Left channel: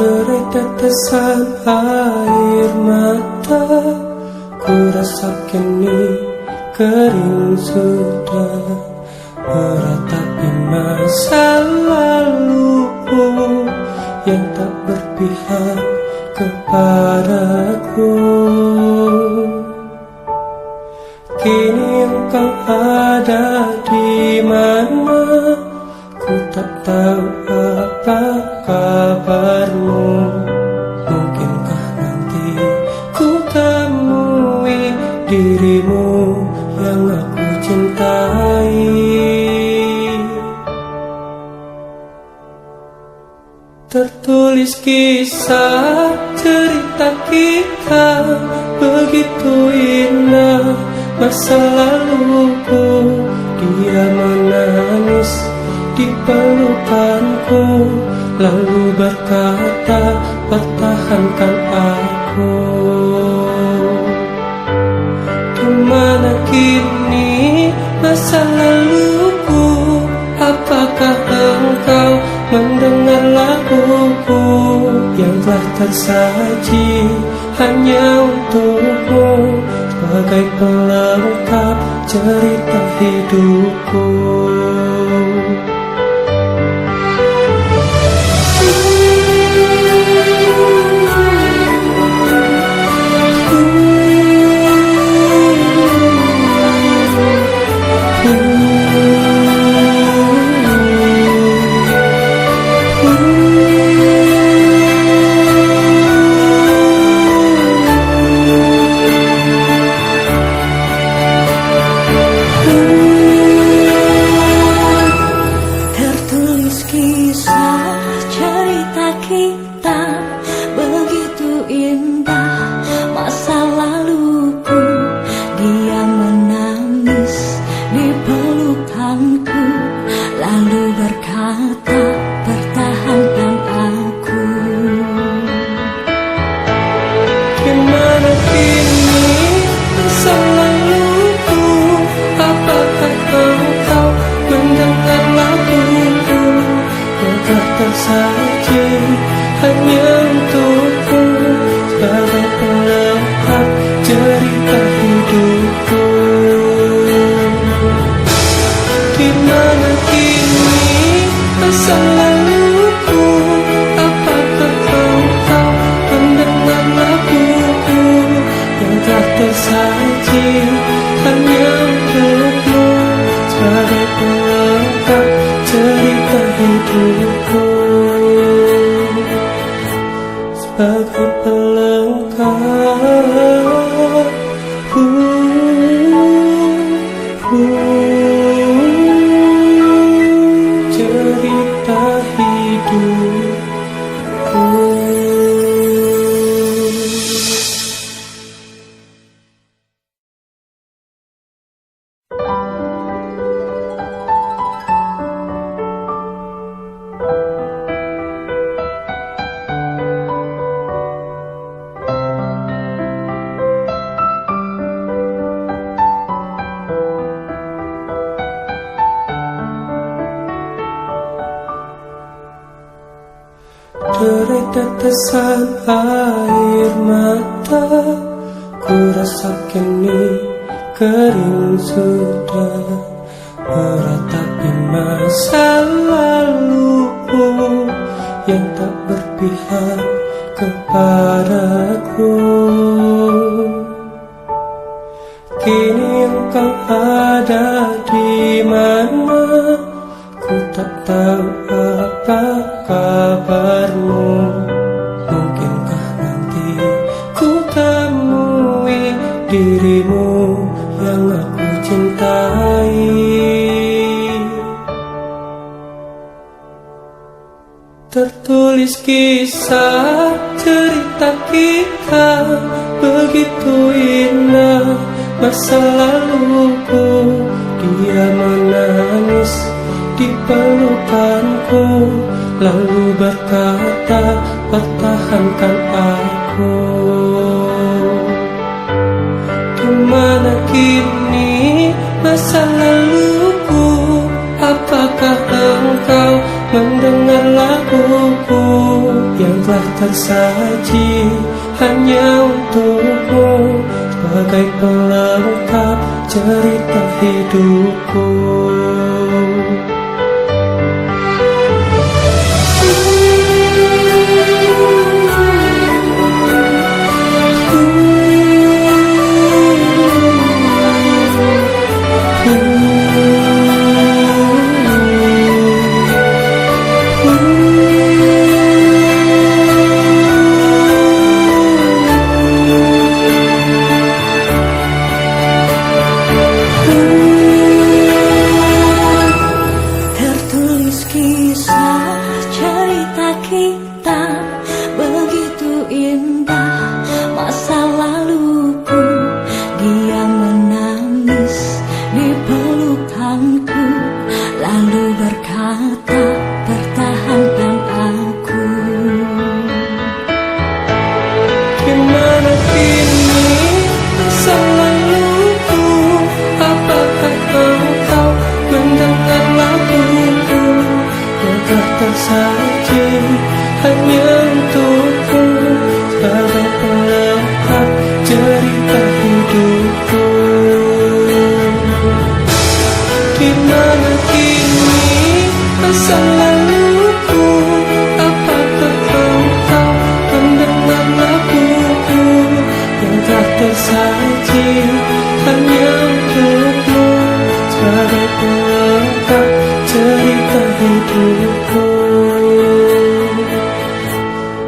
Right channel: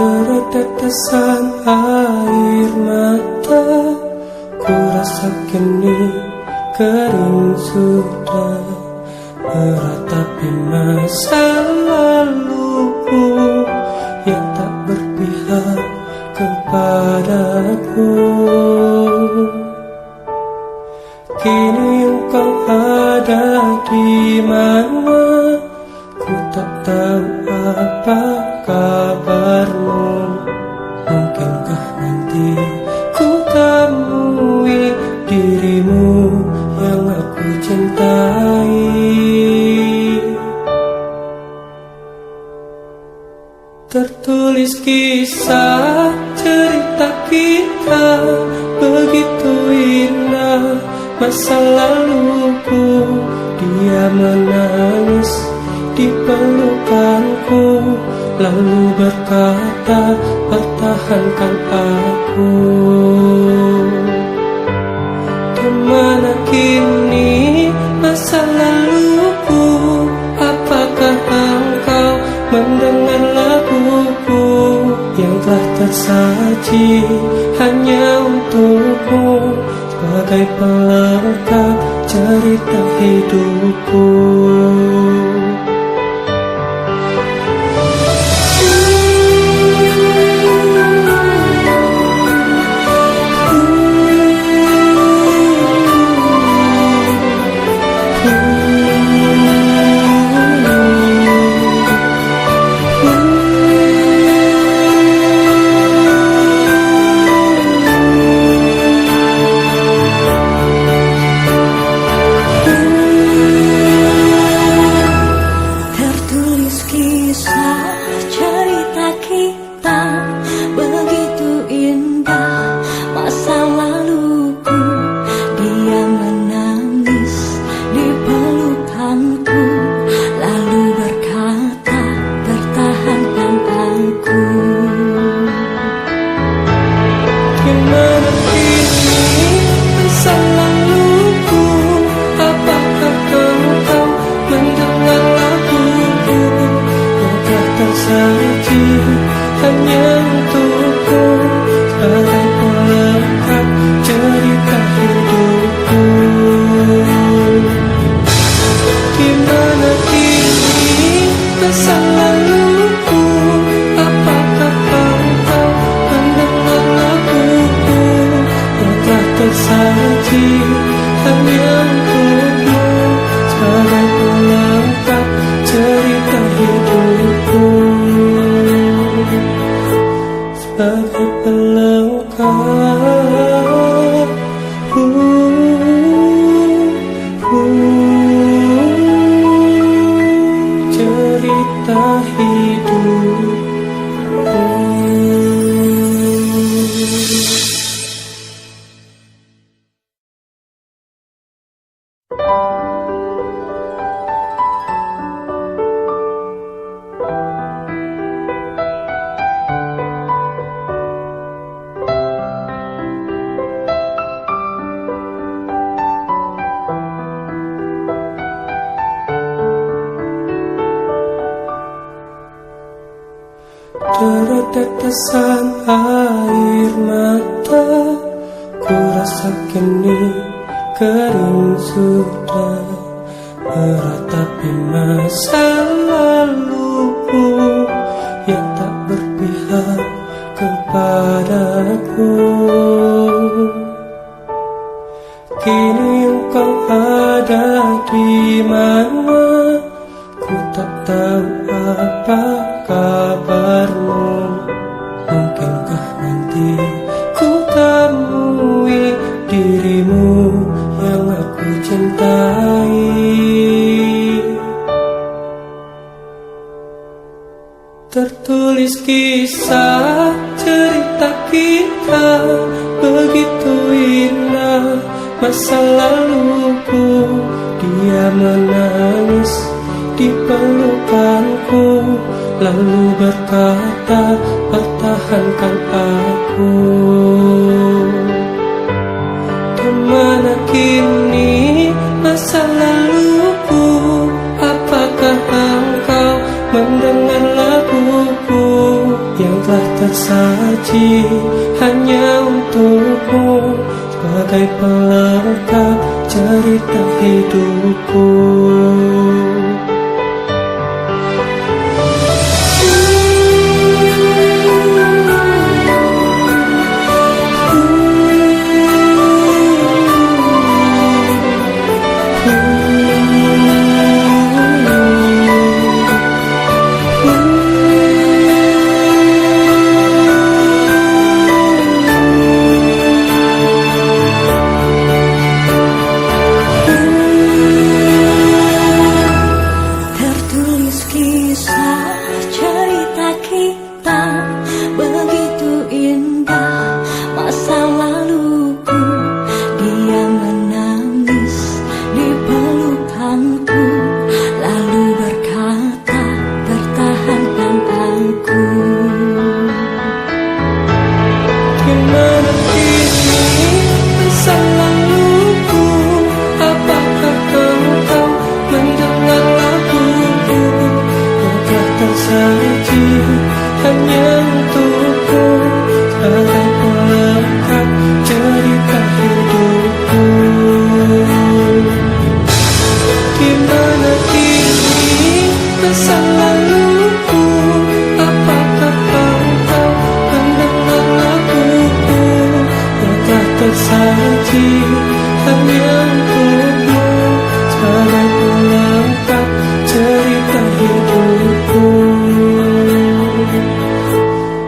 Deret tetesan air mata, ku rasa kini kering sudah, meratapi masa laluku yang tak berpihak kepadaku. Kini engkau ada di mana, ku tak tahu apa kabarmu. Mungkinkah nanti ku temui dirimu yang aku cintai. Tertulis kisah cerita kita begitu indah, masa laluku dia menangis di pelukanku, lalu berkata pertahankan aku. Kemana kini masa laluku, apakah engkau mendengar laguku yang telah tersaji hanya untukmu, sebagai pelengkap cerita hidupku. Kisah cerita kita begitu indah, masa laluku dia menangis di pelukanku, lalu berkata pertahankan aku. Gimana kini masa laluku, apakah engkau mendengar laguku yang telah tersaji hanya untukku, sebagai pelengkap cerita hidupku. Dimana kini masa laluku, apakah engkau mendengar laguku yang telah tersaji hanya untukmu, sebagai pelengkap cerita hidupku, sebagai pelengkap cerita hidupku. Deret tetesan air mata, ku rasa kini kering sudah, meratapi masa laluku yang tak berpihak kepadaku. Kini engkau ada di mana, ku tak tahu apa kabarmu. Mungkinkah nanti ku temui dirimu yang aku cintai. Tertulis kisah cerita kita begitu indah, masa laluku dia menangis di pelukanku, lalu berkata pertahankan aku. Kemana kini masa laluku, apakah engkau mendengar laguku yang telah tersaji hanya untukmu sebagai pelengkap cerita hidupku. Tertulis kisah cerita kita begitu indah masa laluku. Dia menangis di pelukanku lalu berkata pertahankan aku. Gimana kini masa laluku? Apakah engkau mendengar laguku yang telah tersaji hanya untukmu sebagai pelengkap cerita hidupku? Dimana kini masa laluku? Apakah engkau mendengar laguku yang telah tersaji hanya untukmu sebagai pelengkap cerita hidupku,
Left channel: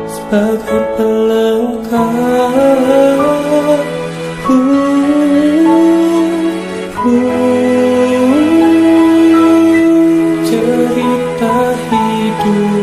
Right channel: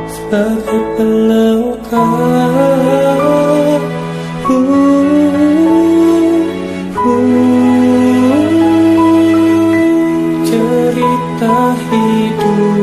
sebagai pelengkap cerita hidupku.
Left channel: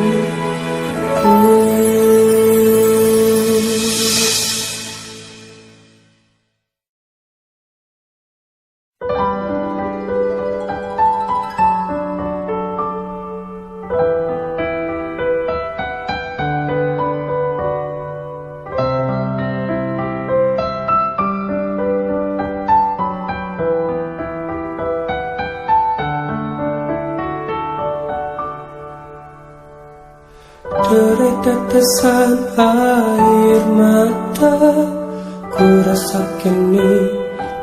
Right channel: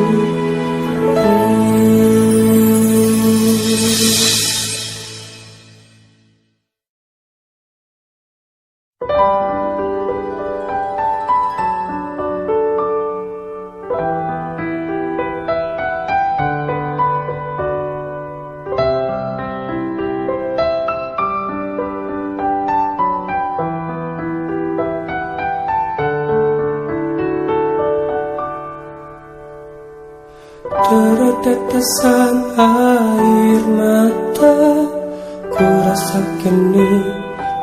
Tetesan air mata, ku rasa kini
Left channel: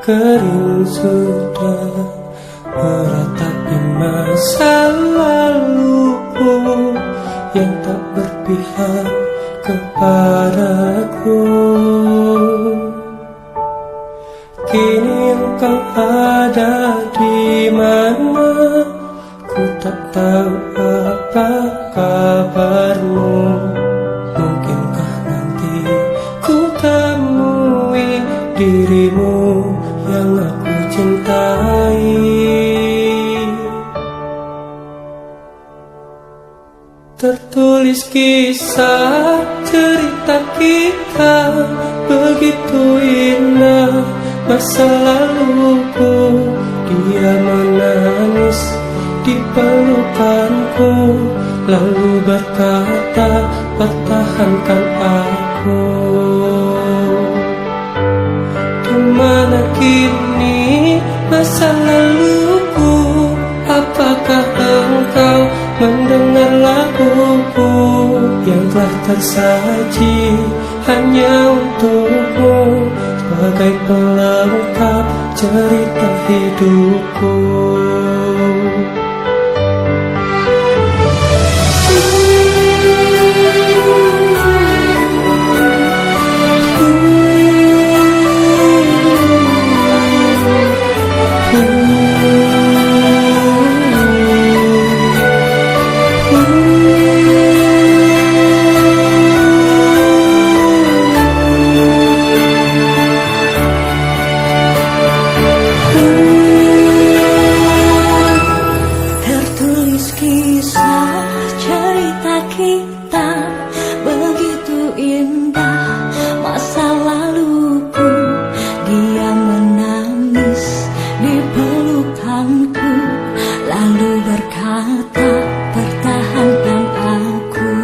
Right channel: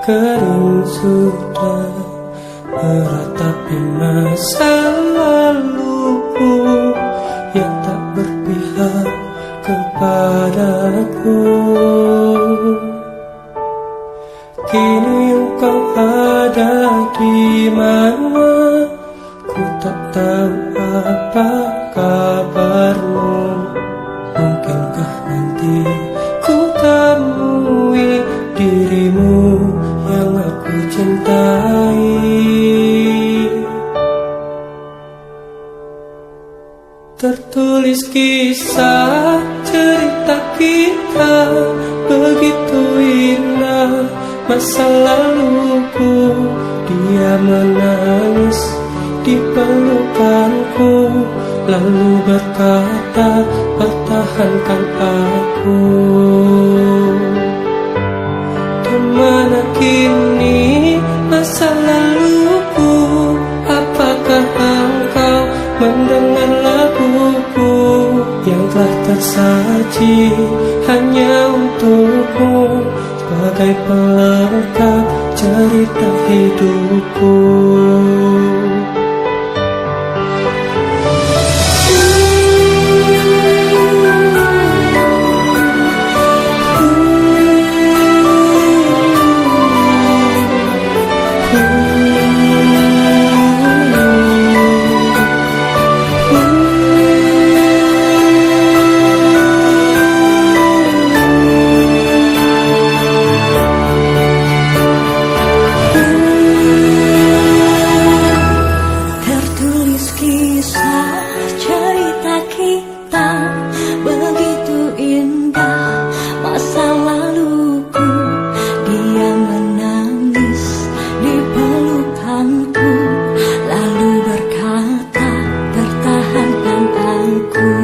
kering sudah meratapi masa laluku yang tak berpihak kepadaku. Kini engkau ada di mana? Ku tak tahu apa kabarmu. Mungkinkah nanti ku temui dirimu yang aku cintai? Tertulis kisah cerita kita begitu indah masa laluku. Dia menangis di pelukanku lalu berkata pertahankan aku. Dimana kini masa laluku? Apakah engkau mendengar laguku yang telah tersaji hanya untukmu sebagai pelengkap cerita hidupku? Tertulis kisah cerita kita begitu indah masa laluku. Dia menangis di pelukanku lalu berkata pertahankan aku.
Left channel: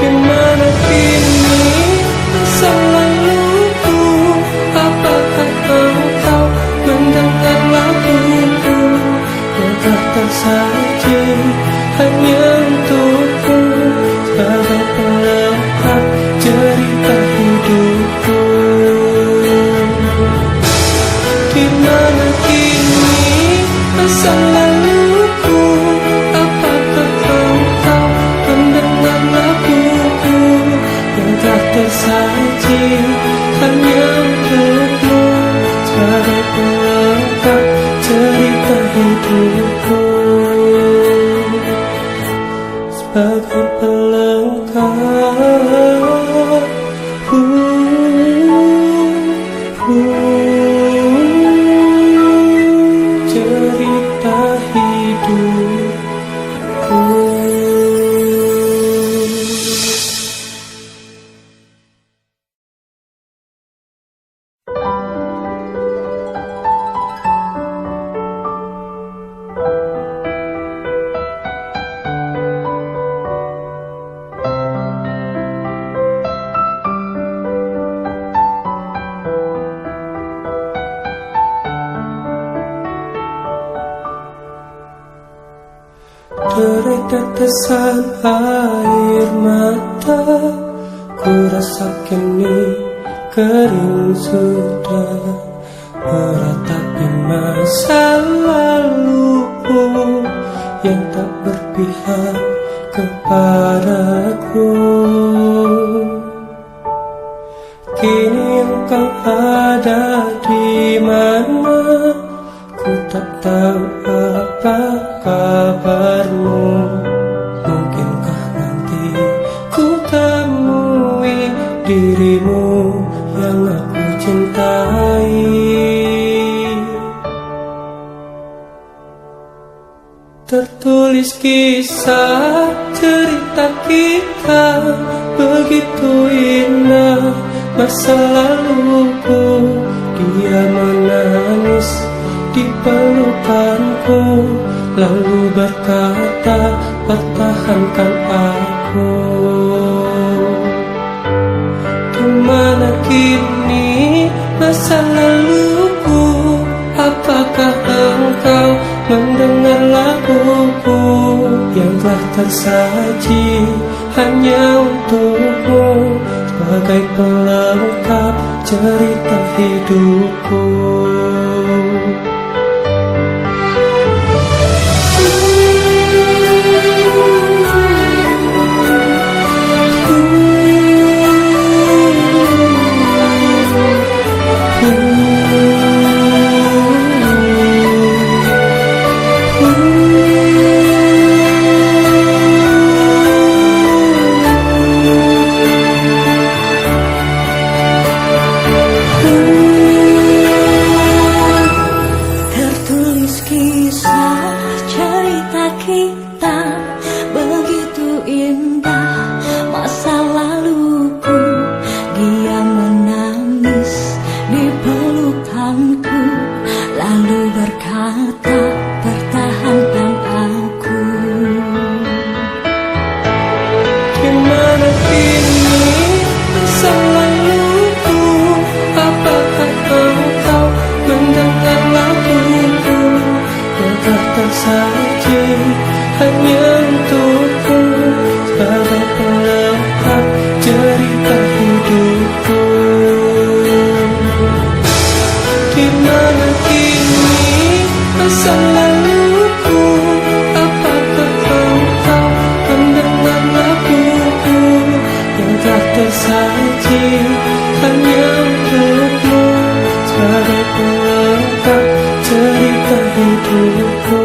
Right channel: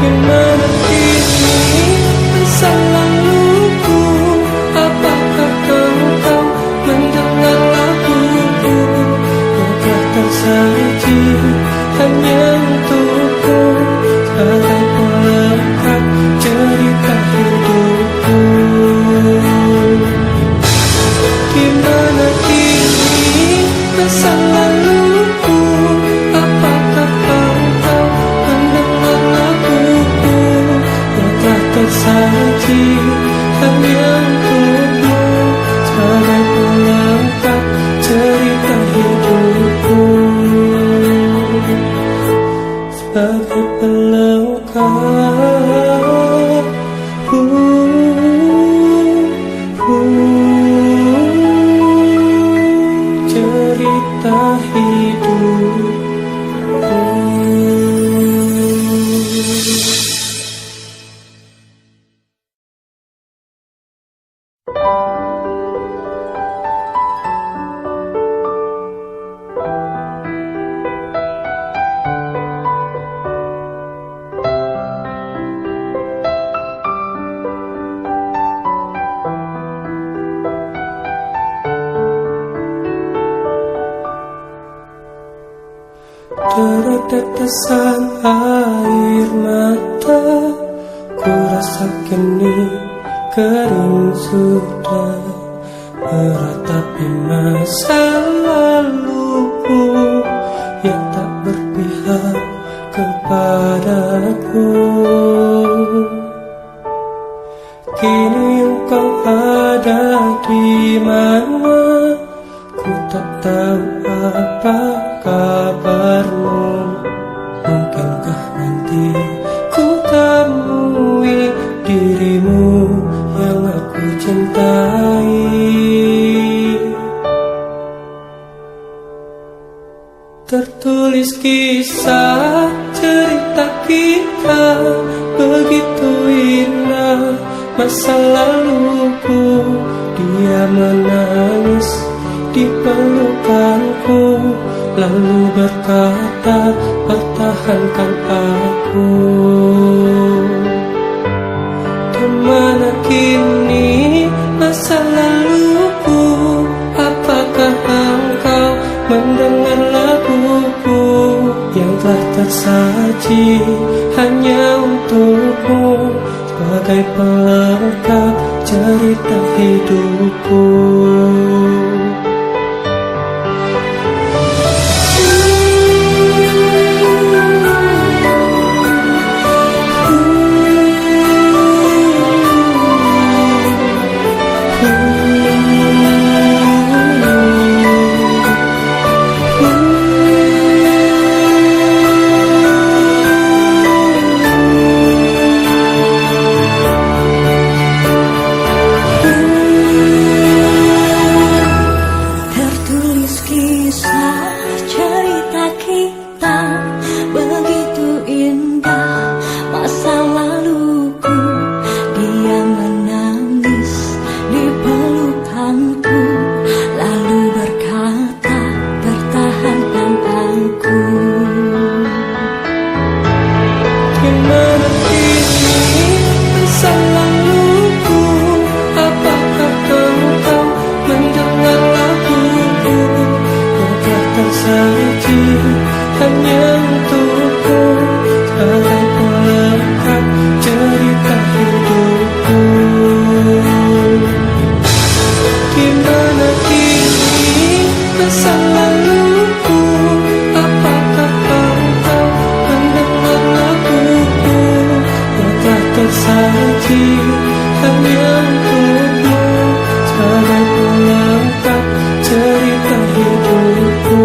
Gimana kini masa laluku? Apakah engkau mendengar laguku yang telah tersaji hanya untuk Di mana kini masa laluku? Apakah engkau mendengar laguku yang telah tersaji hanya untukmu sebagai pelengkap cerita hidupku, sebagai pelengkap cerita hidupku. Tetesan air mata, ku rasa kini kering sudah, meratapi masa laluku yang tak berpihak kepadaku. Kini engkau ada di mana? Ku tak tahu apa kabarmu. Mungkinkah nanti ku temui dirimu yang aku cintai? Tertulis kisah cerita kita begitu indah, masa laluku. Dia menangis di pelukanku, lalu berkata, pertahankan aku. Di mana kini masa laluku? Apakah engkau mendengar laguku yang telah tersaji hanya untukmu sebagai pelengkap cerita hidupku? Kisah cerita kita begitu indah, masa laluku. Dia menangis di pelukanku, lalu berkata, pertahankan aku. Di mana kini masa laluku? Apakah engkau mendengar laguku yang telah tersaji hanya untukku sebagai pelengkap cerita hidupku? Di mana kini masa laluku? Apakah engkau mendengar laguku yang telah tersaji hanya untukmu sebagai pelengkap cerita hidupku?